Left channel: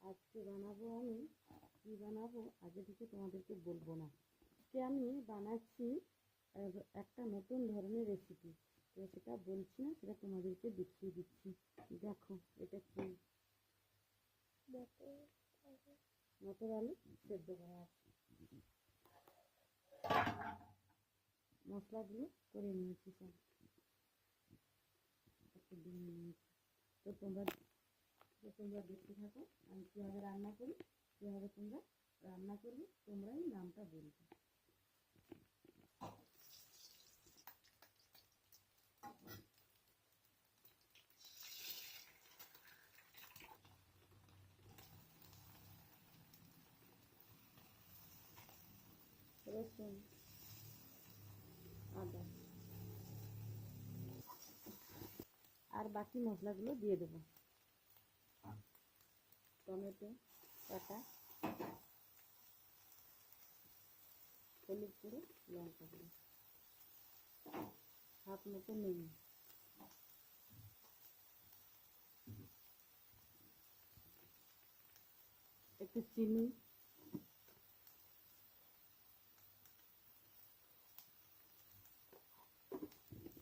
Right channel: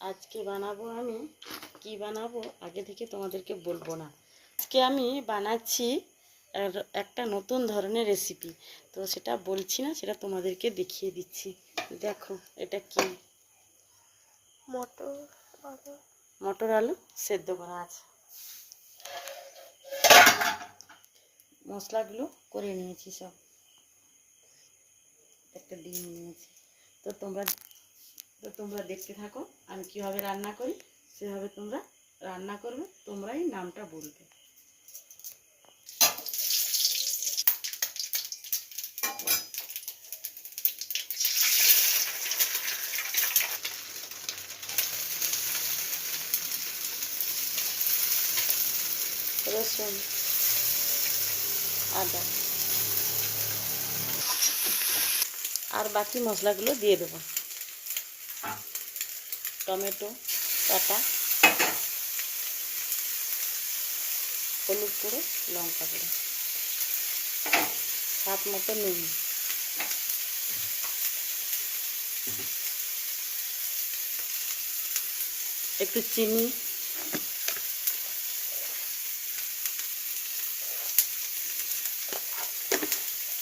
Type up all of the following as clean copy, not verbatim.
আজকে বানাবো আমি কি বানাবো আগে থেকে তোমাদেরকে বলবো না। আজকে আমি বানাচ্ছি একটা নতুন ধরনের রেসিপি, তো সেটা বলছি না, সেটা তোমাদেরকে দেখিয়ে দিচ্ছি। দেখো এটা কি, মটর আলু সেদ্ধ করা আছে। মশলাগুলো করে নিয়েছি সব, একটা ডিম নিয়েছি। তো তোমরা দেখতে থাকো আমি কিভাবে রান্না করি, সেভাবে তোমরা রান্না করবে, তোমরাই নামটা বলবে। রসুন, আদা আর বাকি মশলাগুলো দিয়ে দেবো। টমেটো কাটা, হলুদ গুঁড়ো, লঙ্কা গুঁড়ো, স্বাদ মতো নুন, একটু চিনি,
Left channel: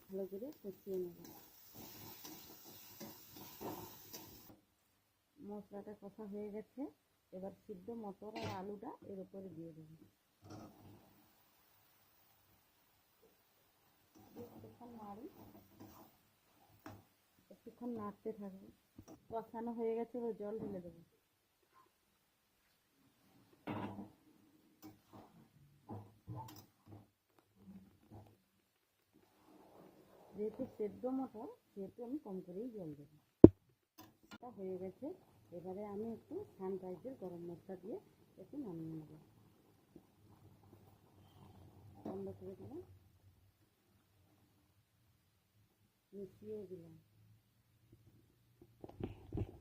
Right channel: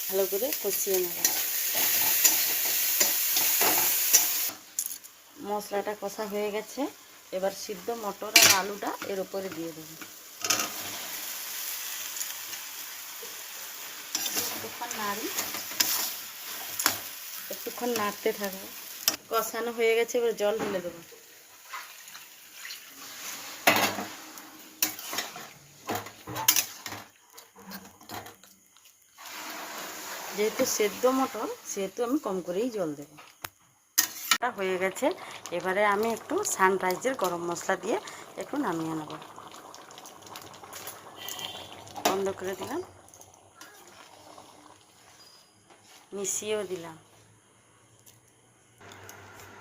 ভালো করে কষিয়ে নেব। মশলাটা কষা হয়ে গেছে, এবার সিদ্ধ মটর আর আলুটা এর উপরে দিয়ে দেবো। একটুক্ষণ নাড়তে থাকবো। কষানো হয়ে গেছে, এবার জল ঢেলে দেবো। যেহেতু সেদ্ধ মটর, সেহেতু আমি কম করেই জল দেব। হয়ে গেছে, এবারে আমি একটু সানরাইজের গরম মশলা দিয়ে একটু নামিয়ে নেব। বন্ধ করে দিলাম, মিশিয়েও দিলাম।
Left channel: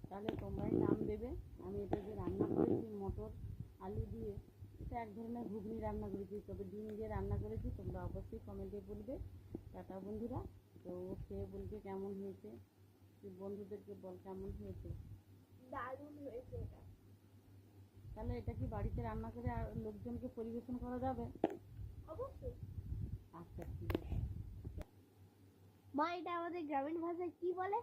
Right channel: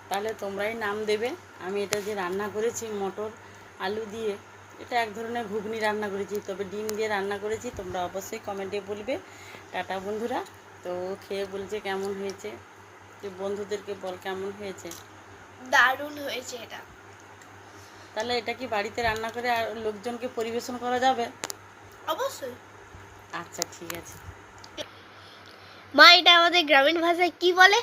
তাহলে তোমরাই নাম দেবে। আমি এটা যে রান্না করেছি মটর আলু দিয়ে, এটা এক ধরনের ঘুগনি রান্না করেছি, তবে ডিম দিয়ে রান্না করেছি। তোমরা অবশ্যই কমেন্টে বলবে। টাটা বন্ধুরা। তো খেয়ে বলছে কেমন হয়েছে, তুই বন্ধুদেরকে বল কেমন হয়েছে। দারুণ হয়েছে এটা। তাহলে এটা কি বাড়িতে রান্না করে আর লোকজনকে পরিবেশন করা যাবে? অবশ্যই। আচ্ছা ঠিক আছে। মা, এটা আমাদের গ্রামীণ ভাষায় কি বলে?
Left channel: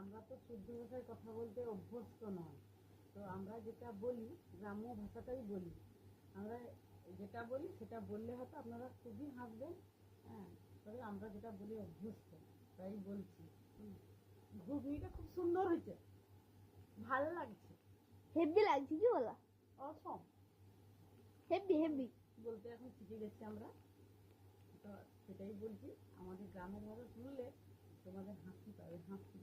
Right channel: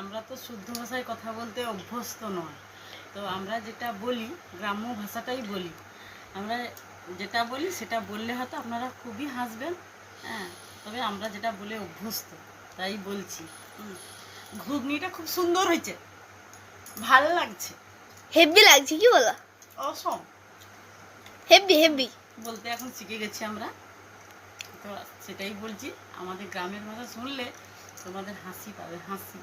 আমরা তো শুদ্ধ ভাষায় কথা বলতে অভ্যস্ত নয়, তো আমরা যেটা বলি গ্রাম্য ভাষাটাই বলি। আমরা যেটা বলি সেটা বললে হয়তো আপনারা খুবই হাসবেন, হ্যাঁ, তবে আমরা যেটা বলে অভ্যস্ত তাই বলছি। ঘুগনিটা খুব সুন্দর হয়েছে, ভালো লাগছে। হেভি লাগছে, কি বলো? অসম হেভি হেভি বলতে এখন শিখে গেছি আমরা, তো সেটাই বলছি। আমাদের গ্রামের ভাষা শুনলে তোমাদের হাসি পাবে, হাসি।